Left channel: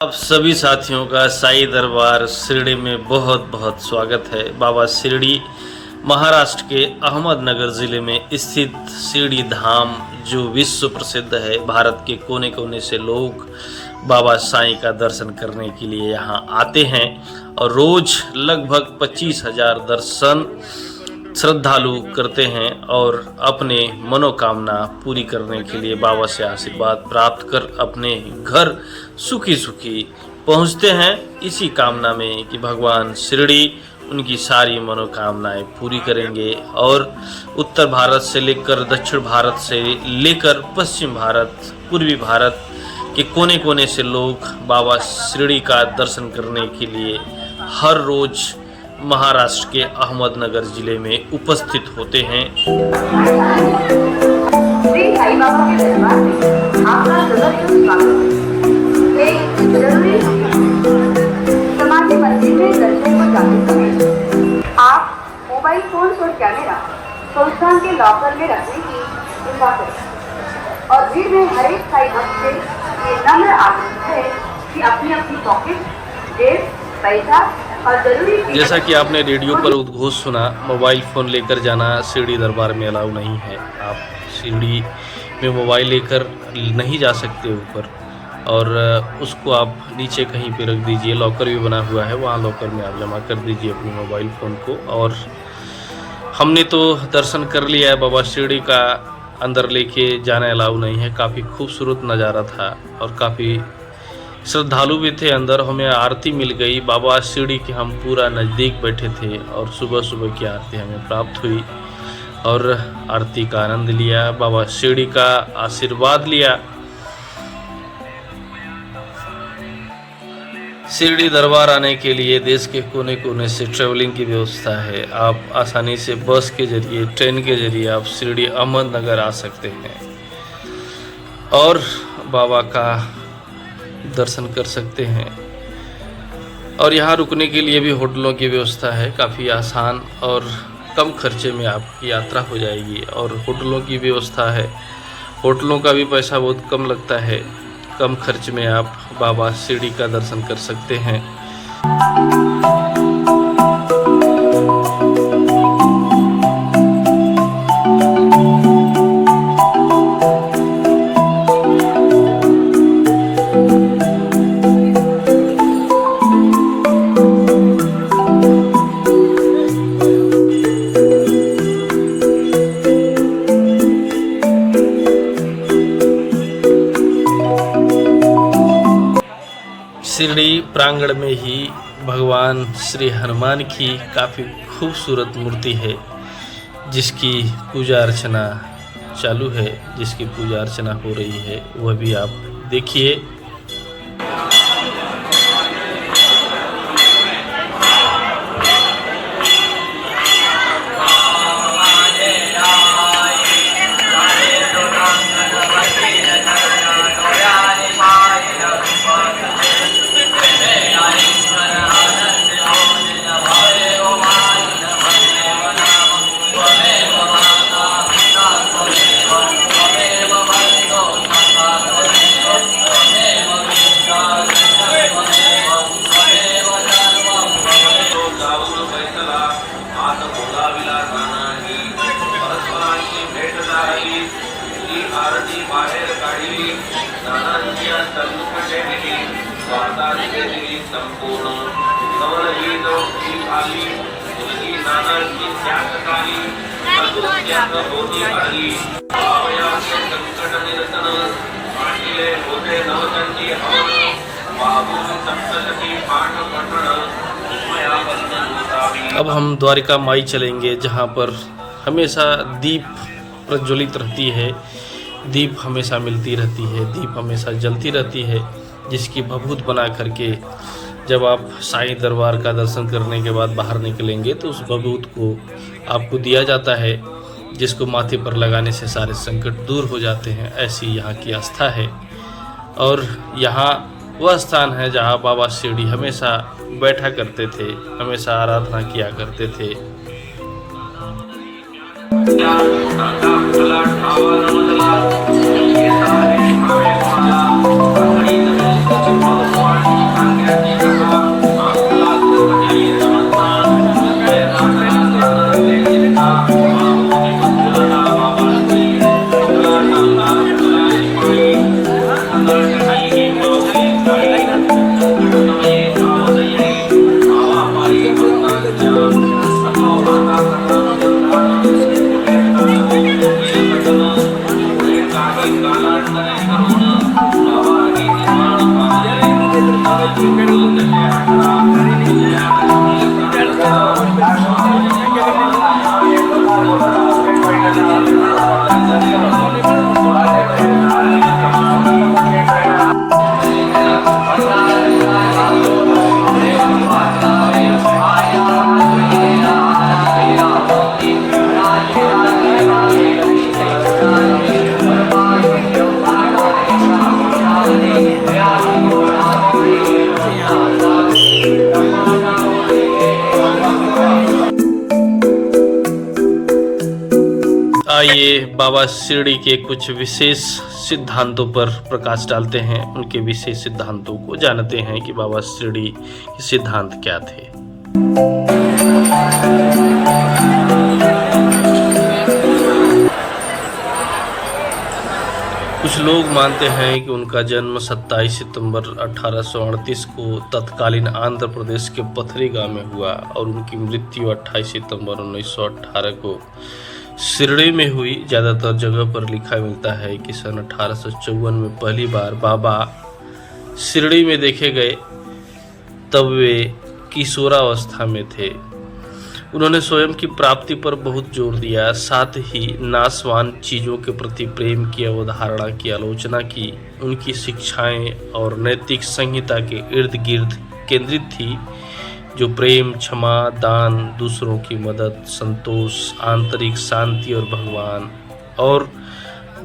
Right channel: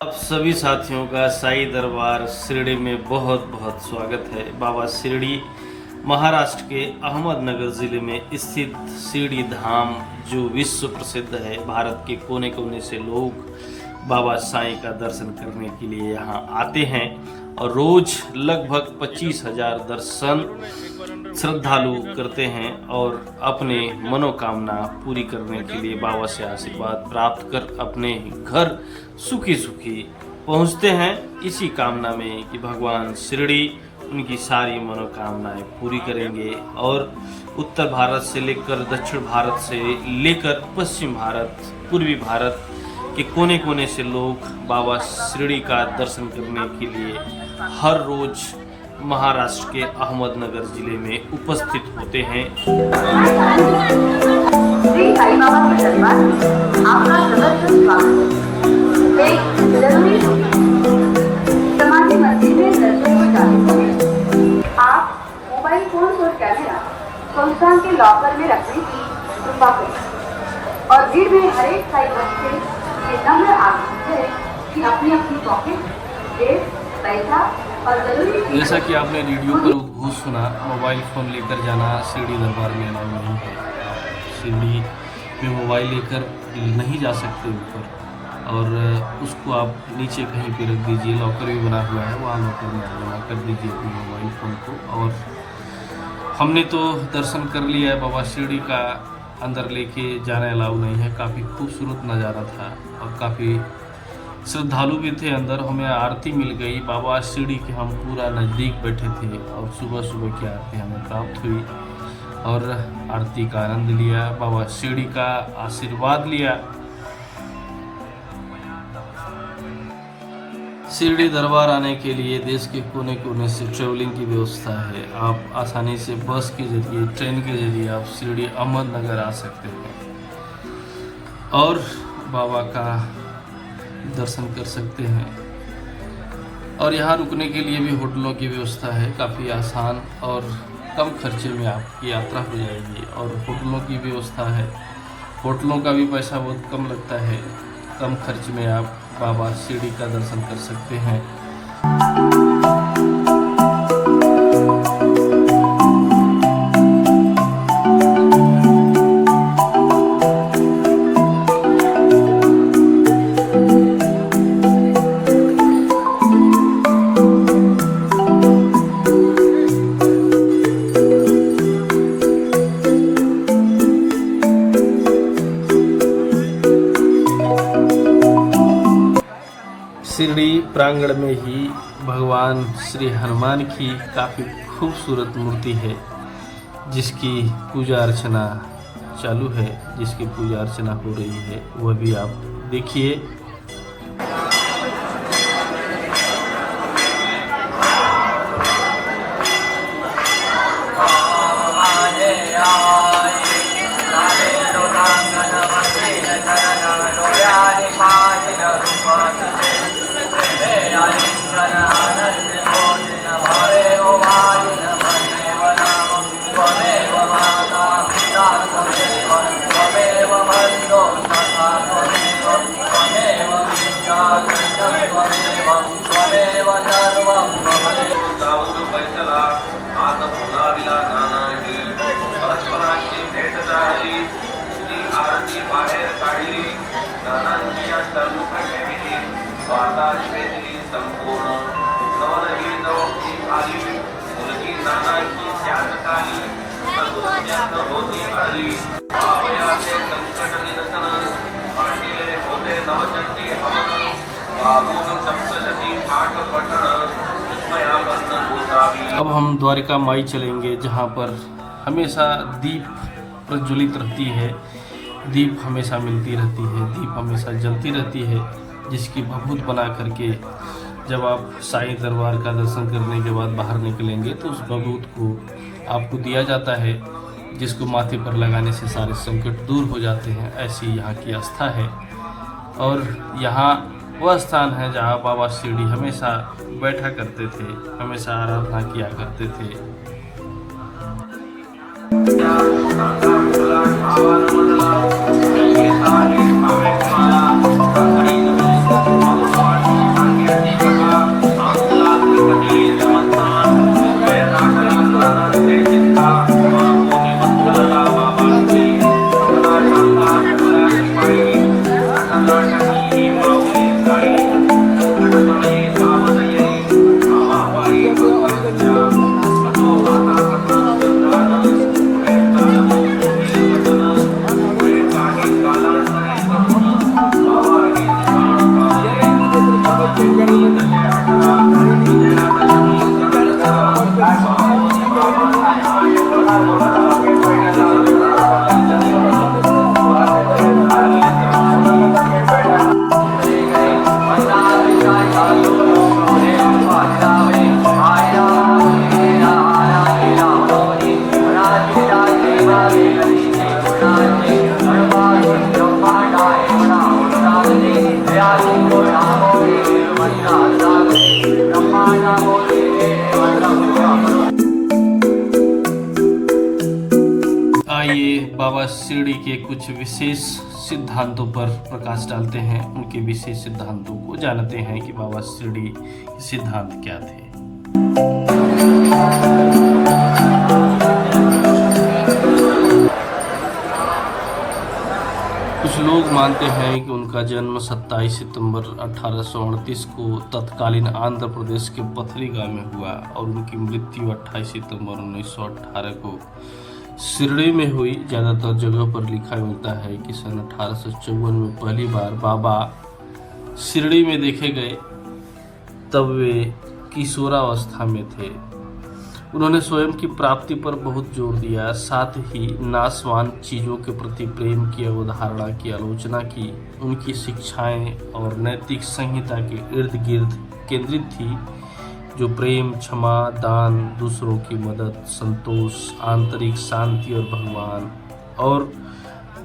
आप सभी साथियों का साईं दरबार शिरडी में बहुत बहुत स्वागत है। बाबा शिरडी महाराष्ट्र के अहमदनगर ज़िले में स्थित शिरडी धाम जो विश्व प्रसिद्ध है। भारत के कोने कोने से लोग बाबा साईं का दर्शन करने के लिए यहाँ आते हैं और रोज़ लगभग 25,000 दर्शन श्रद्धालु करते हैं और अपने मनोकामना पूरी करने के लिए बाबा से आशीर्वाद प्राप्त कर अपने घर सुखी सुखी पहुंचते हैं, इसी कामना में कि भगवान शिरडी उनकी सारी मनोकामनाएं पूरी करेंगे। और उत्तर भारत से लेकर दक्षिण भारत से लेकर पश्चिम भारत, पूर्वी भारत के कोने कोने से लोग बाबा शिरडी का दर्शन करने के लिए हर रोज़ महाराष्ट्र के अहमदनगर जिले में उपस्थित होते हैं। आप मोबाइल फोन और कैमरा संस्थान के लॉकर में रखने की चिंता करें और भीड़ में हर एक आपसे ये नम्र आग्रह है कि अपनी अपनी पॉकेट, जेब, पैसा और जरूरी जैसा कि आपने रेडियो पर उद्घोष सुना, मोबाइल फ़ोन लेकर जाना शिरडी दरबार में अलाउ नहीं है। आप शिरडी में मोबाइल लेकर नहीं जा सकते ऊपर, और उसको आप नीचे कहीं पे रख दीजिए। लॉकर भी बना हुआ है, वहाँ लॉकर में आप जमा कर दीजिए अपने मोबाइल फ़ोन को। और हमने तो दर्शन कर लिया है बाबा शिरडी का, अंदर लेके जाना अलाउ नहीं है। काफ़ी खूबसूरत नज़ारा था और काफ़ी श्रद्धालु भी थे अंदर। हमें आरती मिल गई बाबा शिरडी के, हम पूरा नज़दीक बैठे थे और सुबह सुबह की आरती हमें प्राप्त हुई और आरती का आनंद लिया, बाबा शिरडी का आशीर्वाद लिया। शिरडी दरबार आने के लिए देश के कोने कोने से ट्रेवलिंग की व्यवस्था है। आप आसानी से बस के जरिए, ट्रेन के जरिए आप शिरडी अहमदनगर आ सकते हैं और बाबा का दर्शन कर सकते हैं। और यहाँ रुकने के लिए भी होटलों की व्यवस्था है। काफ़ी आसान और कम खर्चे में आपकी यात्रा हो जाएगी और होटलों की व्यवस्था है। होटलों का भी पैसा बहुत कम लगता है। कम खर्च में आप बाबा शिरडी का दर्शन कर सकते हैं। शिरडी प्रांगण में ही भगवान श्री हनुमान की काफ़ी खूबसूरत मूर्ति है, जिसकी पूजा अर्चना चालू है, जिसकी पूजा अर्चना हो रही है, वह भी आप देखिए। अब हम द्वारिका माई चलेंगे, जहाँ पर हमेशा दीप प्रज्वलित रहती है, दीप हमेशा मिलती रहती है, दीप हमेशा जलती रहती है, जिसकी भभूत बना करके जब आप साईं दरबार का दर्शन करने के बाद बाहर निकलेंगे तो उस भभूत को आपको दिया जाता है, जिसको माथे पर लगाने से सारे संकट दूर हो जाते हैं। ऐसी यहाँ की आस्था है और यहाँ वह स्थान है जहाँ बाबा शिरडी हमेशा बैठा करते थे, हमेशा आराधना किया करते थे। आइए बाबा शिरडी के कुछ विशेष सिद्धांतों पर प्रकाश डालते हैं, उनके विशेष सिद्धांतों को जानते हैं कि बाबा शिरडी के सिद्धांत क्या थे। कुछ लोग मानते हैं कि उनका जन्म 27 सितंबर 1838 को तत्कालीन आंध्र प्रदेश के पथरीगांव में हुआ और उनकी मृत्यु 28 सितंबर 1918 को शिरडी में हुई। ज़्यादातर जगह पर लिखा मिलता है कि सन 1854 में पहली बार बाबा शिरडी में देखे गए, तब वे किशोरावस्था में थे। उन्होंने स्वयं की प्राप्ति पर बहुत जोर दिया, साथ ही नाशवान चीज़ों के प्रति प्रेम की अवधारणा की आलोचना की। उनकी शिक्षाएं और नैतिक संहिता के इर्द गिर्द केंद्रित थी, जो प्रेम, क्षमा, दान, दूसरों की मदद, संतोष, आंतरिक शांति और भगवान और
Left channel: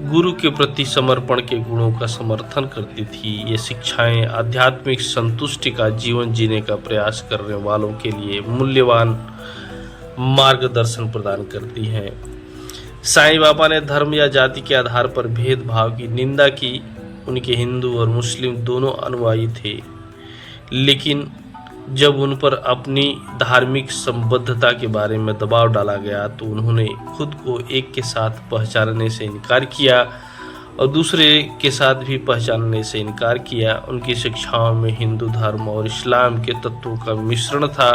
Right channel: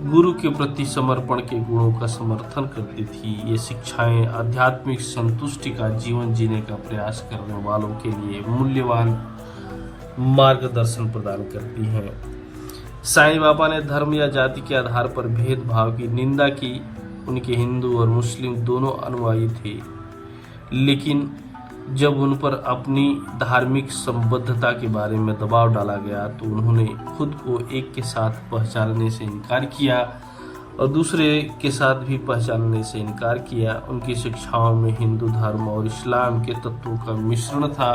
गुरु के प्रति समर्पण के गुणों का समर्थन करती थी। ये शिक्षाएं आध्यात्मिक संतुष्टि का जीवन जीने का प्रयास करने वालों के लिए मूल्यवान मार्गदर्शन प्रदान करती हैं। साईं बाबा ने धर्म या जाति के आधार पर भेदभाव की निंदा की। उनके हिंदू और मुस्लिम दोनों अनुयायी थे, लेकिन जब उन पर अपनी धार्मिक संबद्धता के बारे में दबाव डाला गया तो उन्होंने खुद को एक के साथ पहचानने से इनकार किया और दूसरे के साथ भी पहचानने से इनकार किया। उनकी शिक्षाओं में हिंदू धर्म और इस्लाम के तत्वों का मिश्रण था।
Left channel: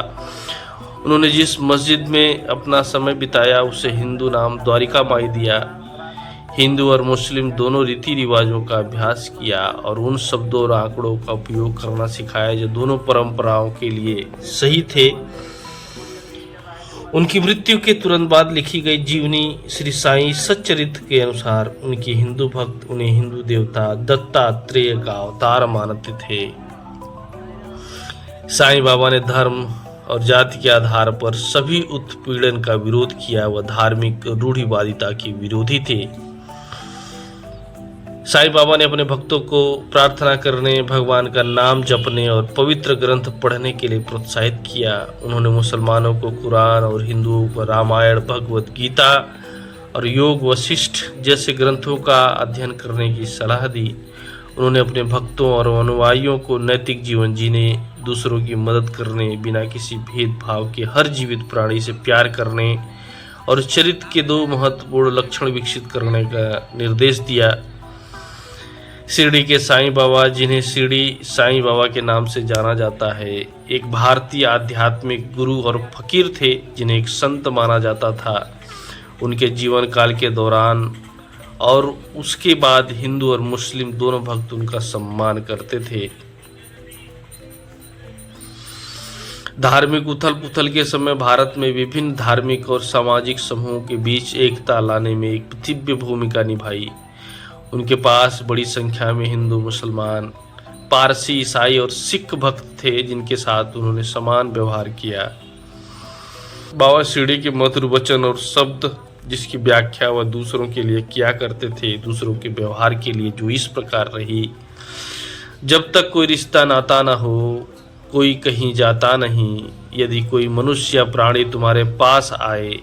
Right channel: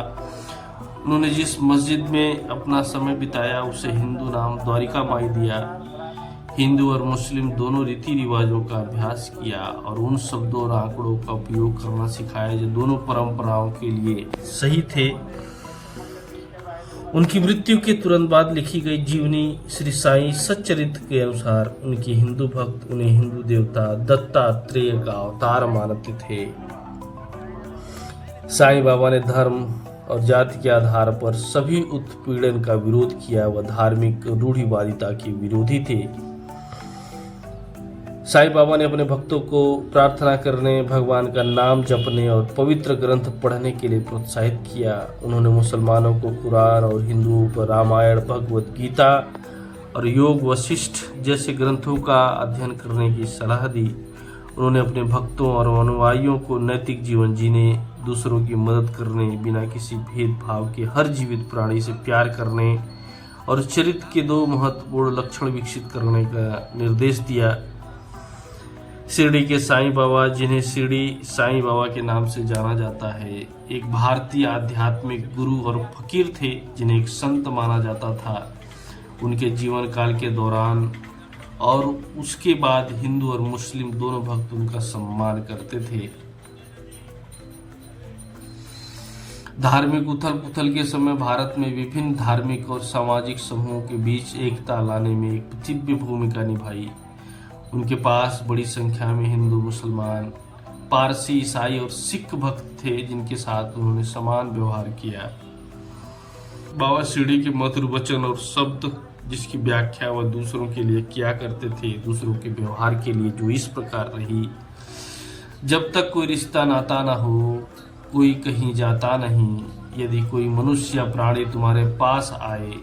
उन्होंने जिस मस्जिद में अपना समय बिताया उसे हिंदू नाम द्वारिका माई दिया। हिंदू और मुस्लिम दोनों रीति रिवाजों का अभ्यास किया और उन शब्दों और आंकड़ों का उपयोग करना सिखाया जो दोनों परंपराओं के लिए सही थे। उनकी मृत्यु के तुरंत बाद लिखी गई जीवनी श्री साईं सच्चरित्र के अनुसार उनके हिंदू भक्त उन्हें हिंदू देवता दत्तात्रेय का अवतार मानते थे। साईं बाबा ने धर्म और जाति के आधार पर सभी उत्पीड़न का विरोध किया। वह धार्मिक रूढ़िवादिता के विरोधी थे। साईं बाबा ने अपने भक्तों को प्रार्थना करने, भगवान का नाम जपने और पवित्र ग्रंथ पढ़ने के लिए प्रोत्साहित किया। उन्होंने मुसलमानों को कुरान और हिंदुओं को रामायण, भगवत गीता और योग वशिष्ठ जैसे ग्रंथों का अध्ययन करने की सलाह दी। उन्होंने अपने भक्तों और अनुयायियों को नैतिक जीवन जीने, दूसरों की मदद करने, बिना किसी भेदभाव के हर जीवित प्राणी से प्यार करने और चरित्र के 2 महत्वपूर्ण लक्षण विकसित करने का निर्देश दिया। शिरडी के साईं बाबा, जिन्हें शिरडी साईं बाबा के नाम से जाना जाता है, एक भारतीय आध्यात्मिक गुरु और फकीर थे जिन्हें एक संत माना जाता था। उनके जीवन काल के दौरान और उसके बाद हिंदू और मुस्लिम दोनों भक्त उनका सम्मान करते थे। धार्मिक उथल पुथल के समय भारत में विभिन्न धार्मिक और सामाजिक समूहों के बीच एकता लाने में एक दिव्य भूमिका निभाई। उनके पास बड़ी संख्या में हिंदू, मुसलमान, पारसी, ईसाई और सिख भक्त थे जिनके साथ उन्होंने समान व्यवहार किया। बाबा शिरडी के मधुर वचन और शब्द जिसकी व्याख्या वह दूसरों के लिए किया करते थे, दूसरों के व्यवहार के लिए जो इस प्रकार रही: जब तक कोई रिश्ता नाता ना हो, कोई कहीं जाता नहीं। यदि कोई मनुष्य या प्राणी तुम्हारे पास आए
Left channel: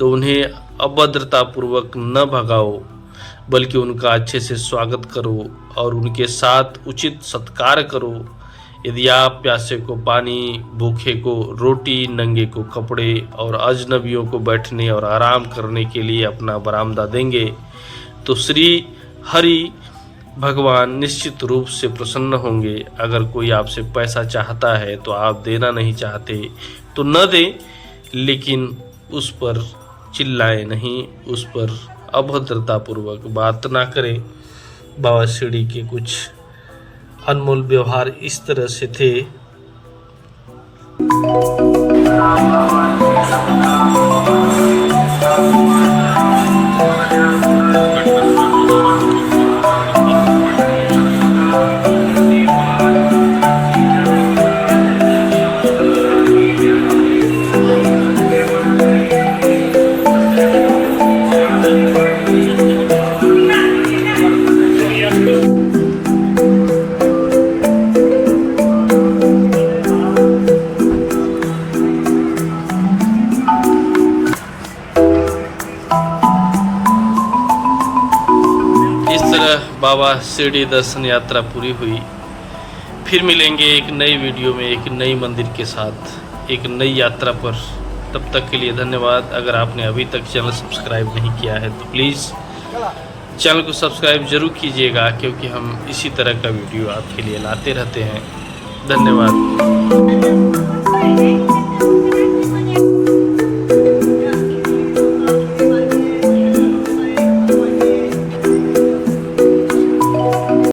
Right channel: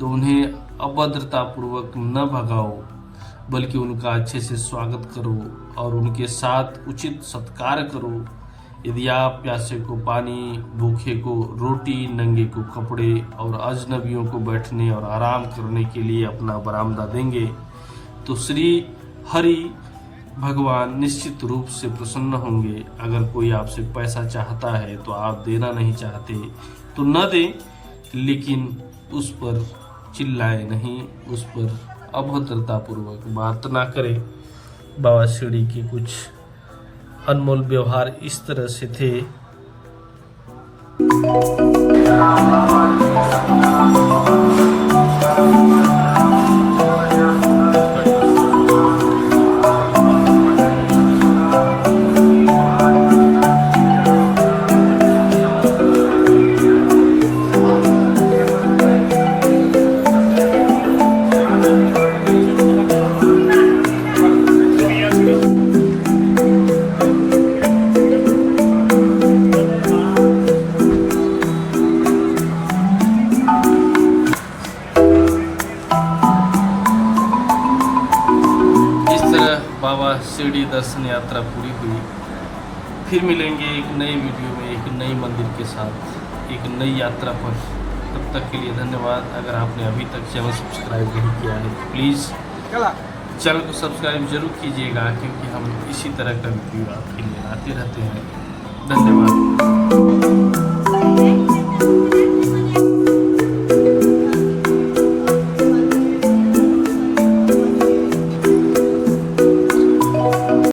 तो उन्हें अभद्रतापूर्वक न भगाओ, बल्कि उनका अच्छे से स्वागत करो और उनके साथ उचित सत्कार करो। यदि आप प्यासे को पानी, भूखे को रोटी, नंगे को कपड़े और अजनबियों को बैठने और आराम करने के लिए अपना बरामदा देंगे तो श्री हरि भगवान निश्चित रूप से प्रसन्न होंगे। अगर कोई आपसे पैसा चाहता है तो आप देना नहीं चाहते तो न दें, लेकिन उस पर चिल्लाएं नहीं, उस पर अभद्रतापूर्वक बात ना करें। बाबा शिरडी के कुछ अनमोल व्यवहार इस तरह से थे। बाबा शिरडी दर्शन यात्रा पूरी हुई। फिर मिलेंगे एक नई वीडियो में एक नई मंदिर के साथ एक नई यात्रा पर। तब तक के लिए धन्यवाद। अगर आपने अभी तक चैनल सब्सक्राइब नहीं किया है तो प्लीज़ चैनल को सब्सक्राइब जरूर कीजिएगा, क्योंकि हम इसी तरह का वीडियो आपके लिए लाते रहते हैं। धन्यवाद।